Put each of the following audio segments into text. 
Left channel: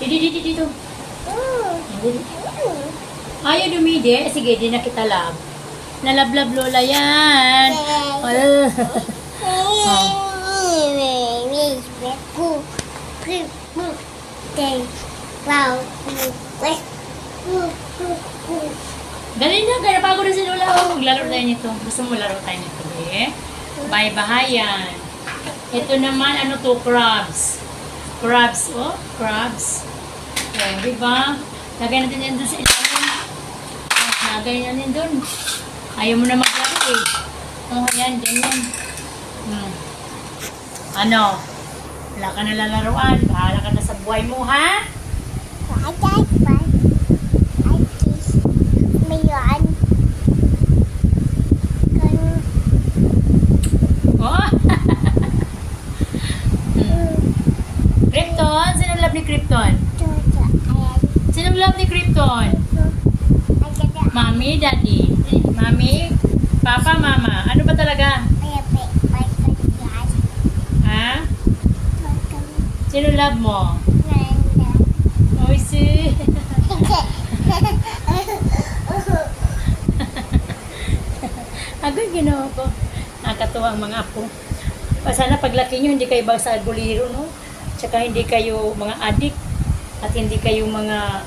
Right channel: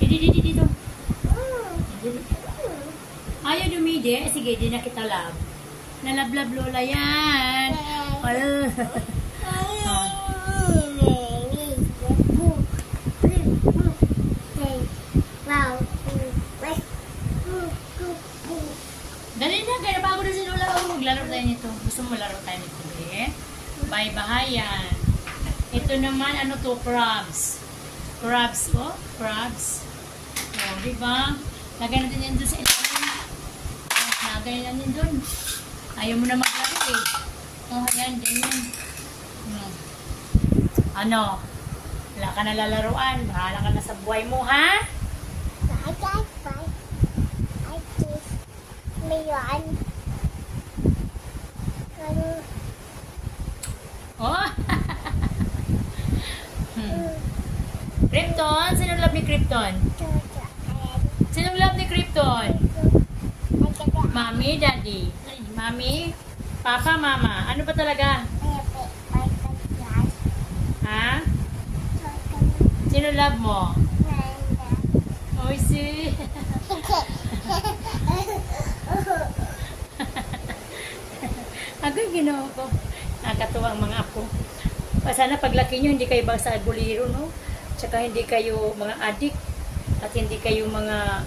Didi. Dito. Ayaw dumidi. Sige, di na kita love. Nalablab lola yan. Dali na, kaya napagod na si lola. Maglaro tayo nito. Gusto mo laro tayo nito, eh? Bye-bahayan. Ito naman, ano to? Crabs. Crabs, oh. Crabs. Oh, diba? Lagay natin yan doon sa ilalim. Lagay natin doon. Ayaw mo na maglaro, eh. Oh, ayan, ganyan. Ano? Wala ka na lalaruan. Bahala ka na sa buhay mo, ha? Krypton? Sinong love ni Krypton? Sinong love ni Krypton? Mami, Daddy? Mami? Papa, Mama? Ano ba talaga? Ha? Sino love mo? Oh, see? Agad ginawa ko. Nakakatawa ang mga apo. Sana paglaki nyo, hindi kayo bang sa alboliro, no? Tsaka hindi kayo mga adik at hindi kayo mga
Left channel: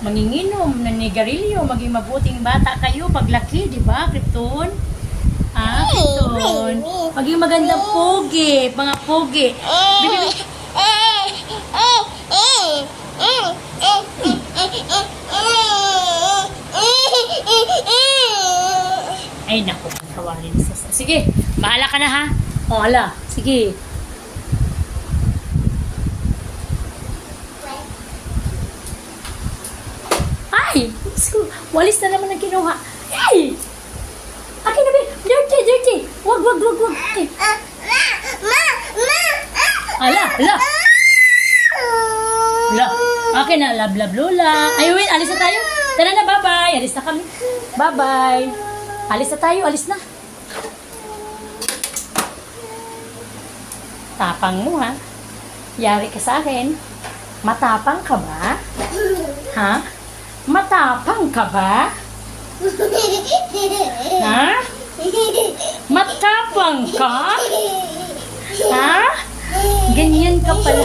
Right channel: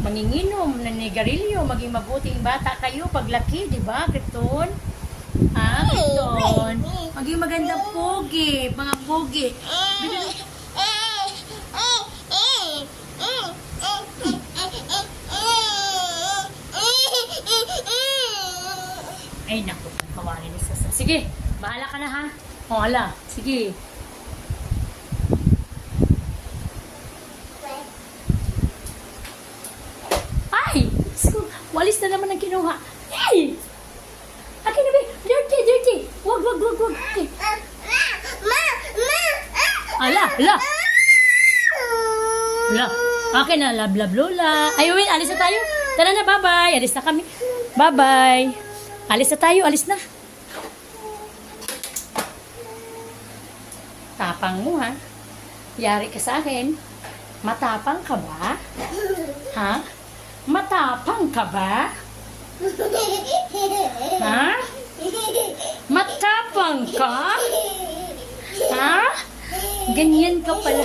manginginom, nangigarilyo, maging mabuting bata kayo paglaki, di ba, Krypton? Krypton. Maging magandang pogi, mga pogi. Ay, naku, kawarin. Sige, bahala ka na, ha? O, hala, sige. Ay! Walis na naman ang kinuha. Hey! Akin na ba? Dirty! Wag! Ay. Ala! Akin na, love, lola. Ayun, alis na tayo. Tara na, bye-bye. Alis na kami. Bye-bye. Alis na tayo, alis na. Tapang mo, ha? Yari ka sa akin. Matapang ka ba? Ha? Matapang ka ba? Ha? Matapang ka? Ha? Ganyan ka pala.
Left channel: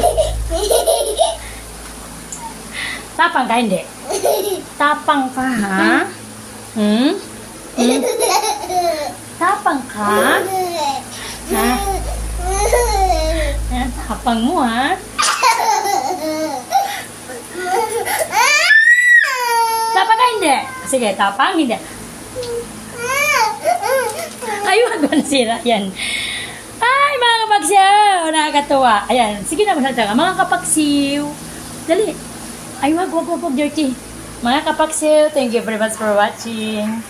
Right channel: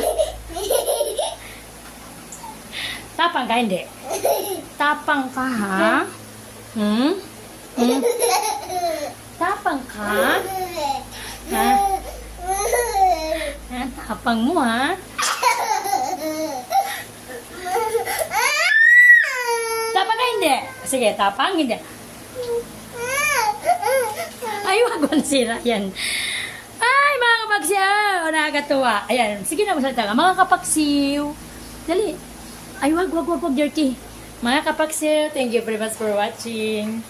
Tapang ka, hindi? Tapang ka, ha? Tapang ka? Ha? Tapang mo, ha? Tapang ka, hindi? Sige, tapang, hindi. Ay, wag mo nasira yan. Ay, mga kapagsiw! Nakakatawa. Ayan, sige na, masalita ka. Mga kapagsiw. Dali. Ay, wag, dirty. Mga kapagsiw, thank you very much for watching.